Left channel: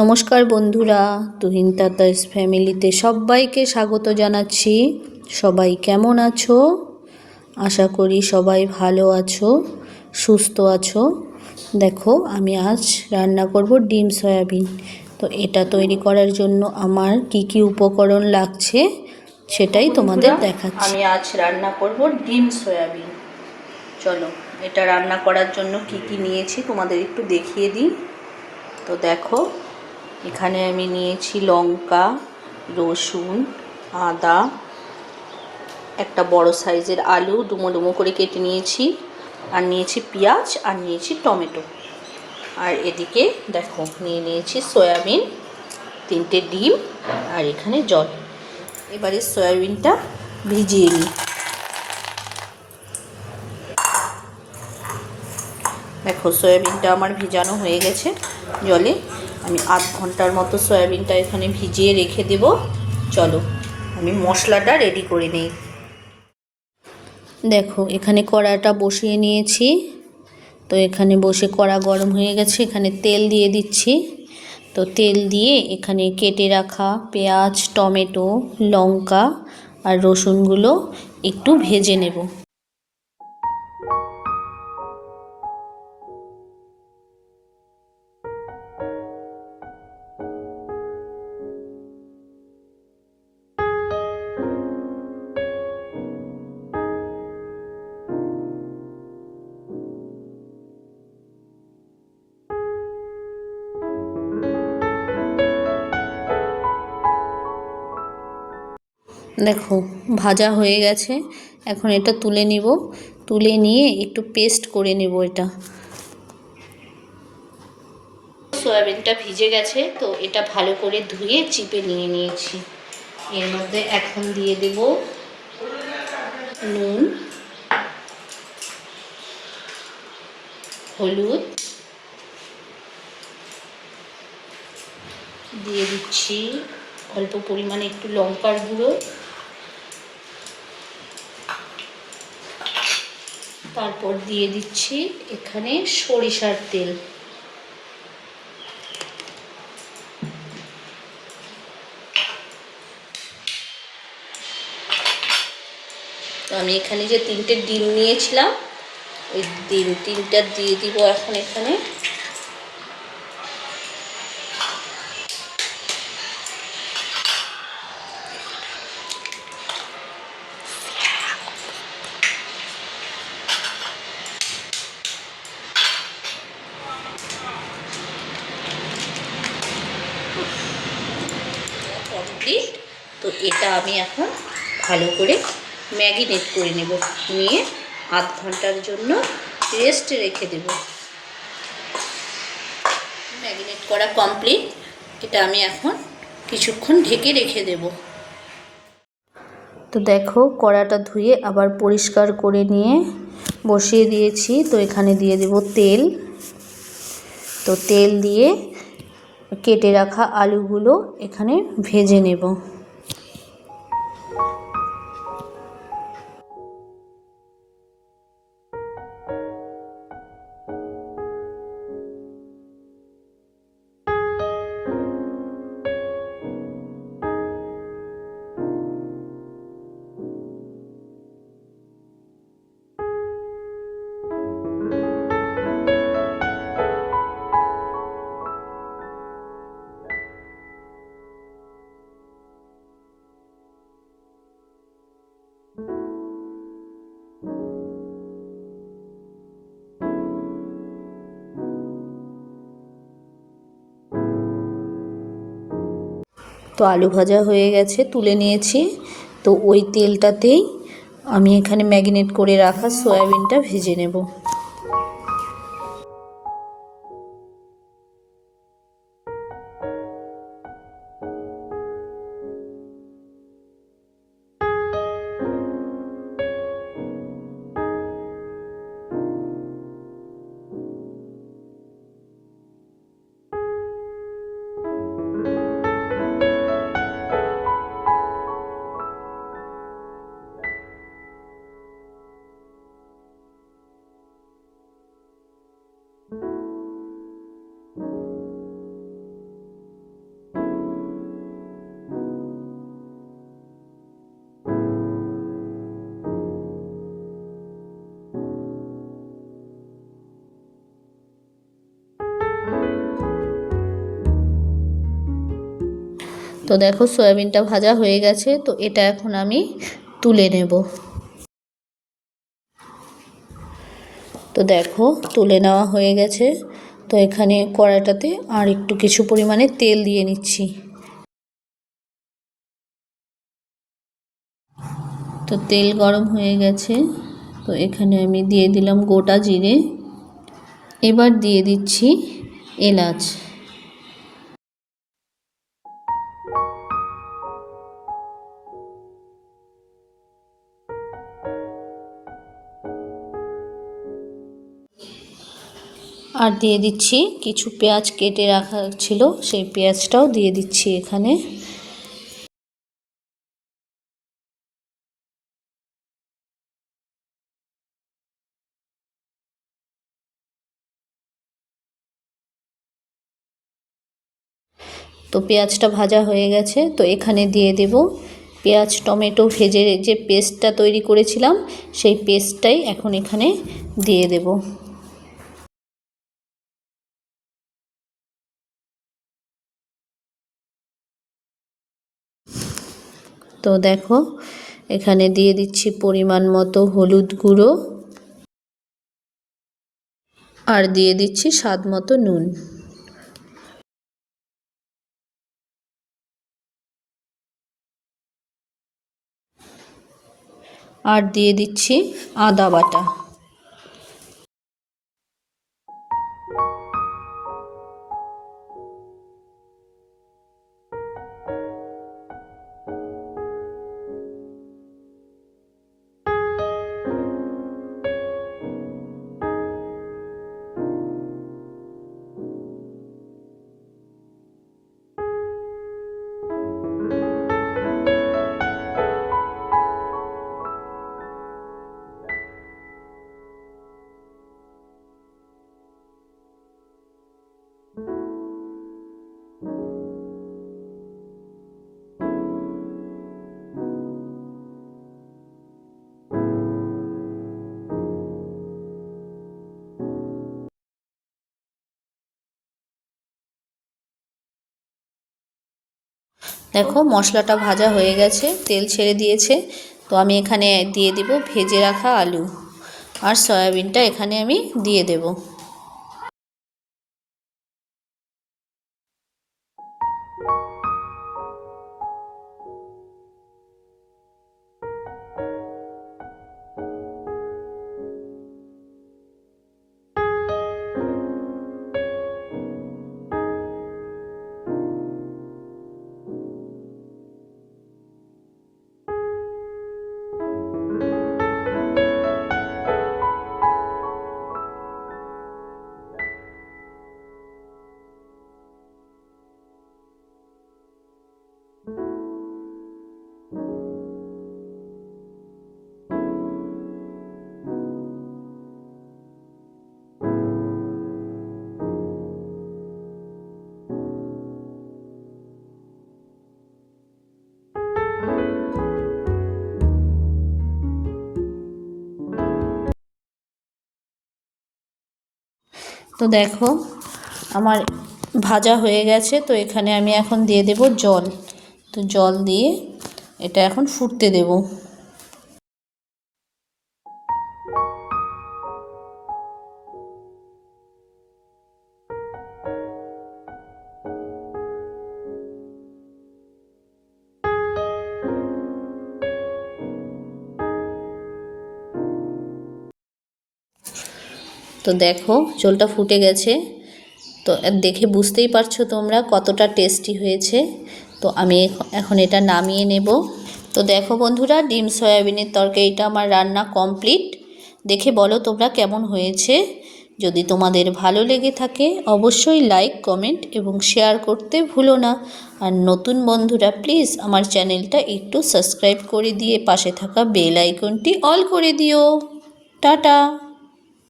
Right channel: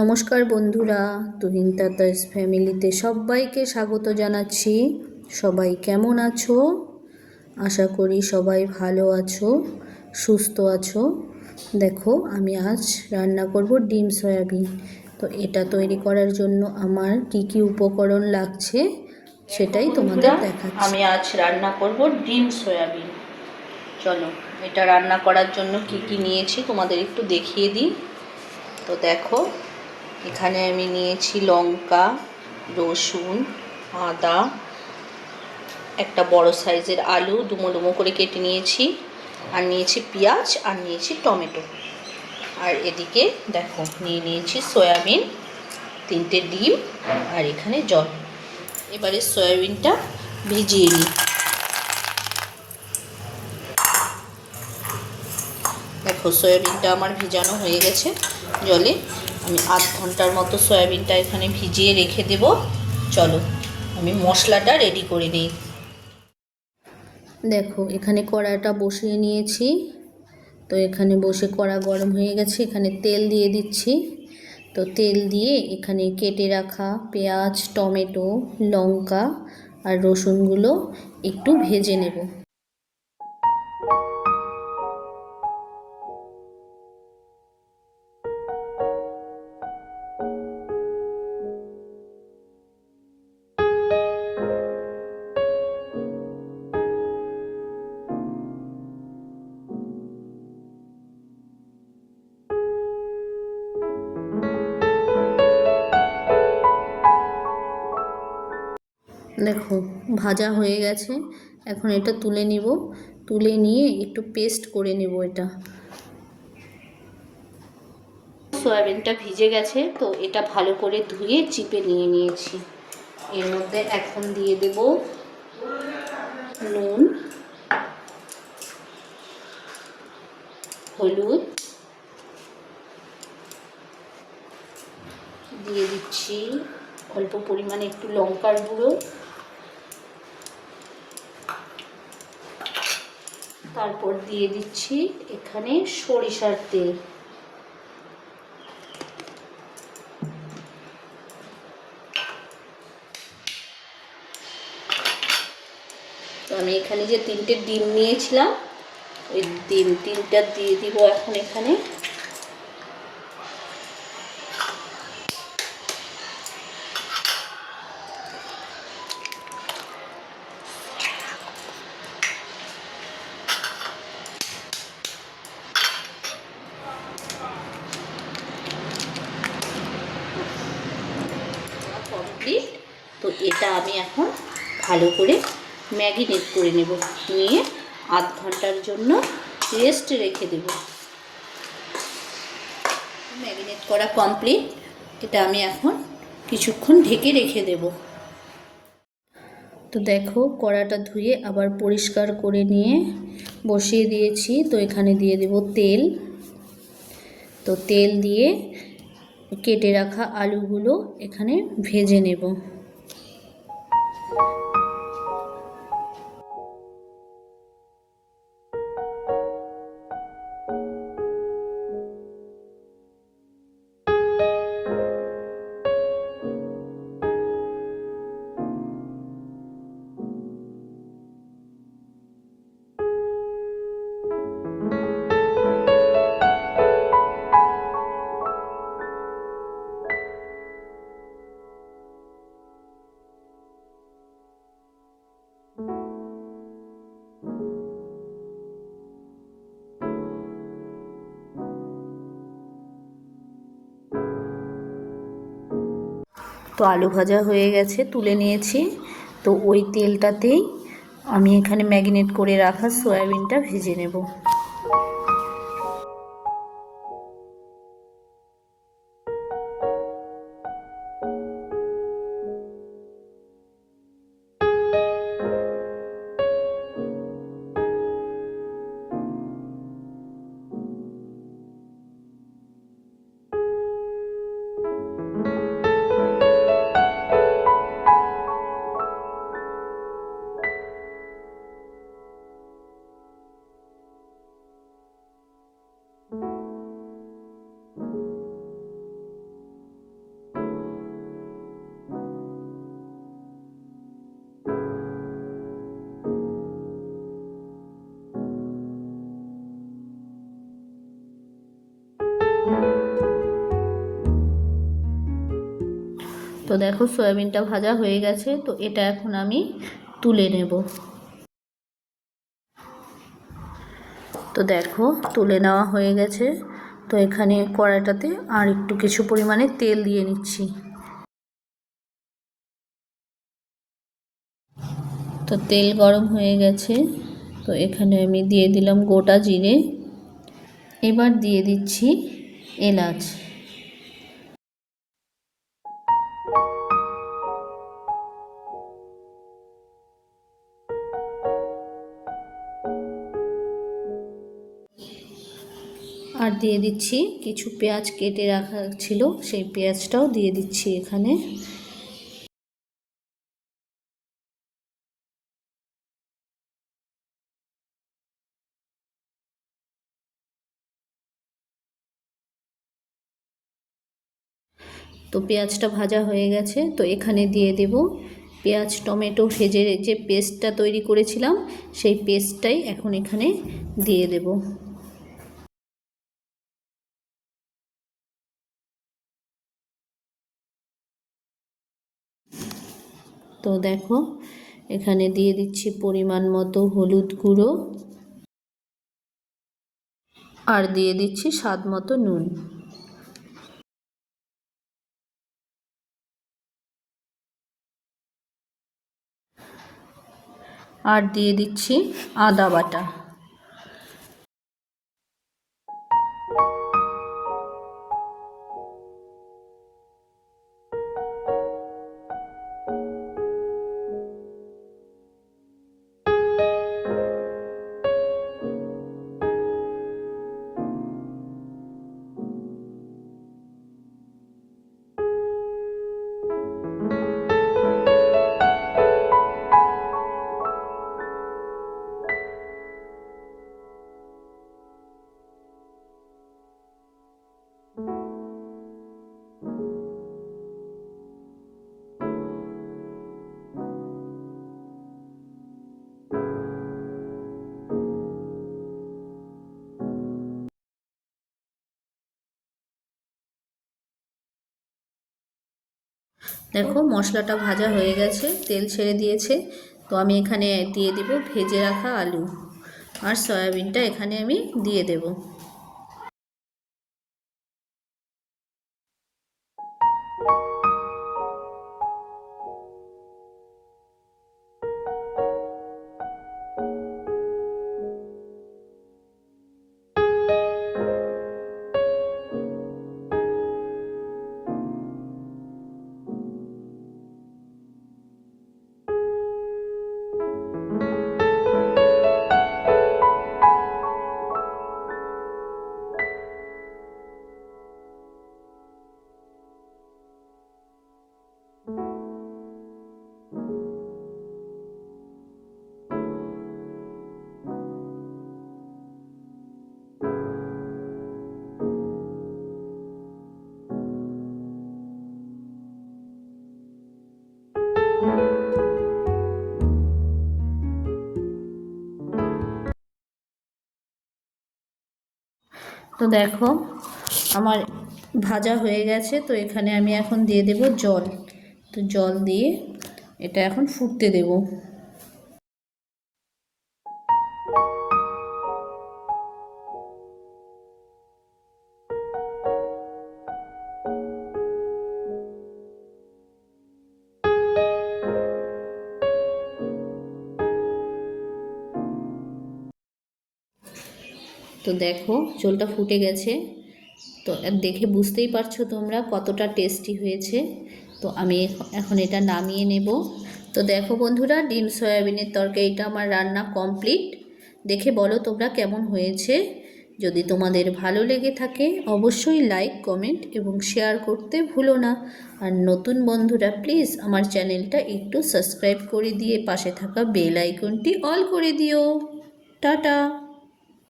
নমস্কার বন্ধুরা, তুহিন তাতাস ফ্যামিলিতে সবাইকে স্বাগত জানাচ্ছি। সবাই কেমন আছো? আশা করি সবাই ভালো আছো, সুস্থ আছো। দেখো, আমি আজ রান্না করব ডিম সয়াবিন। তো এটা তৈরি করার জন্য আমার কি কি উপকরণ লাগছে সেটাই তোমাদের দেখাচ্ছি। আমি আজ রান্না করব ডিম সয়াবিন। চলো, এটা রান্না করার জন্য কি কি নিয়েছি তোমাদের একটু দেখিয়ে দিই। তো দেখো, এখানে আমি নিয়েছি লঙ্কা, রসুন, আদা, একটা বড় সাইজের আলু ডুমো ডুমো করে কেটে নিয়েছি, আর নিয়েছি পেঁয়াজ, আর নিয়েছি টমেটো। আর এদিকে দেখো নিয়ে নিয়েছি সয়াবিন, 3টে ডিম, আর এখানে জল। এবারে সয়াবিনটা ভিজিয়ে নিই। দেখো, সয়াবিনটা আমার ভিজানো হয়ে গেছে জলে। আমি আধ ঘন্টার মতো সয়াবিনটা এখানে ভিজিয়ে রেখে দেব। চলো, আমি মশলাটা রেডি করে নিই। দেখো, এখানে কড়াটা বসিয়ে নিয়েছি। তো এখানে বসে কড়া গরম হয়ে গেছে, এখানে তেল দিয়ে দিচ্ছি। তো তেল দিয়ে এখানে কেটে রাখা পেঁয়াজ, টমেটো, লঙ্কা আর রসুনগুলো একটু ভেজে নেব। দেখো, ভাজা হয়ে গেছে। এখন এটা তুলে নিব। তুলে নিয়ে একটু পেস্ট করে নেব এটা। সয়াবিনটা ভিজে গেছে, তো এটা ভালো করে ধুয়ে চিপে নিয়ে নিয়েছি। এর মধ্যে এখন দিয়ে দেব নুন, হলুদ, দিয়ে দিচ্ছি অল্প পরিমাণে একটু লঙ্কার গুঁড়ো, তারপর দিয়ে দিচ্ছি এখানে সরিষার তেল। তো আমি এখানে যে 3টে ডিম নিয়েছিলাম, ওই ডিম 3টা দিয়ে দিব এখন এখানে। কমপ্লিট। তো এটা আমি এখন ভালো করে ম্যারিনেট করে নেব, নিয়ে আধ ঘন্টার জন্য রেস্ট রেখে দেব। ম্যারিনেট করা কমপ্লিট। এটা আমি এখন কিছুক্ষণ ঢেকে রেখে দেব। তো দেখো, কড়াটা ধুয়ে আবার পরিষ্কার করে নিয়ে বসিয়ে দিয়েছি। তো এখানে দিয়ে দেব তেল। তো তেল দিয়ে কেটে রাখা আলুগুলো এখানে ভেজে নেব। তো আলু ভাজা হয়ে গেছে, তুলে নিয়েছি। তো ওই তেলটাতেই আমি এখানে ম্যারিনেট করে রাখা সয়াবিনটা ভেজে নেব। তো দেখো সয়াবিনটা ভাজা হয়ে গেছে, তো এটা এখন আমি তুলে নেব। তো দেখো তুলে নেওয়া হয়ে গেছে। তো এখানে কড়াইটাতে আর একটু কিছু পরিমাণে তেল দিয়ে নিচ্ছি। তো তেল গরম হয়ে গেছে, তো এখানে আমি দিয়ে দিলাম গোটা জিরে। এবার দিয়ে দিচ্ছি এলাচ। আর দিয়ে দিচ্ছি কিছু পেঁয়াজ কেটে রাখা ছিল, সেই পেঁয়াজটাও দিয়ে দিচ্ছি এখানে। তো পেঁয়াজটা ভাজা হয়ে গেছে, তো এখানে দিয়ে দেব পেঁয়াজ টমেটো ভেজে যে পেস্টটা তৈরি করেছিলাম, সেই পেস্টটাই এখন এখানে দিয়ে দেব। তো দেখো এখানে দিয়ে দিচ্ছি পরিমাণ মতো হলুদ গুঁড়ো, আর দিয়ে দিচ্ছি স্বাদ মতো নুন। আর দিয়ে দিচ্ছি আদা বাটা। দেখো মশলাটা ভাজা হয়ে গেছে, তেল ছেড়ে দিয়েছে। তো আমি এখানে দিয়ে দেব ভেজে রাখা আলু, আর সয়াবিনটা এখানে আমি দিয়ে দেব। তো দেখো আমার ভাজা হয়ে গেছে, তো এখানে আমি এখন দিয়ে দেব জল। তো জল দিয়ে এটা এখন ফুটতে দেব। তো দেখো ঝোলটা ফুটে গেছে, তো দেখে বুঝতেই পারছো তোমরা কতটা টেস্টি হয়েছে। তো আমি এখন এটা নামিয়ে নেব। তো দেখো বন্ধুরা, ডিম সয়াবিনের তরকারিটা আমার রান্না কমপ্লিট। দেখে বলো তোমরা কেমন হয়েছে। যদি তোমাদের ভালো লেগে থাকে অবশ্যই লাইক কমেন্ট এবং শেয়ার করতে ভুলো না। আর নতুন বন্ধুরা প্লিজ আমার চ্যানেলটা একটু সাবস্ক্রাইব করে দিয়ে পাশে থাকা বেল আইকনটি অল করে দিও। টাটা।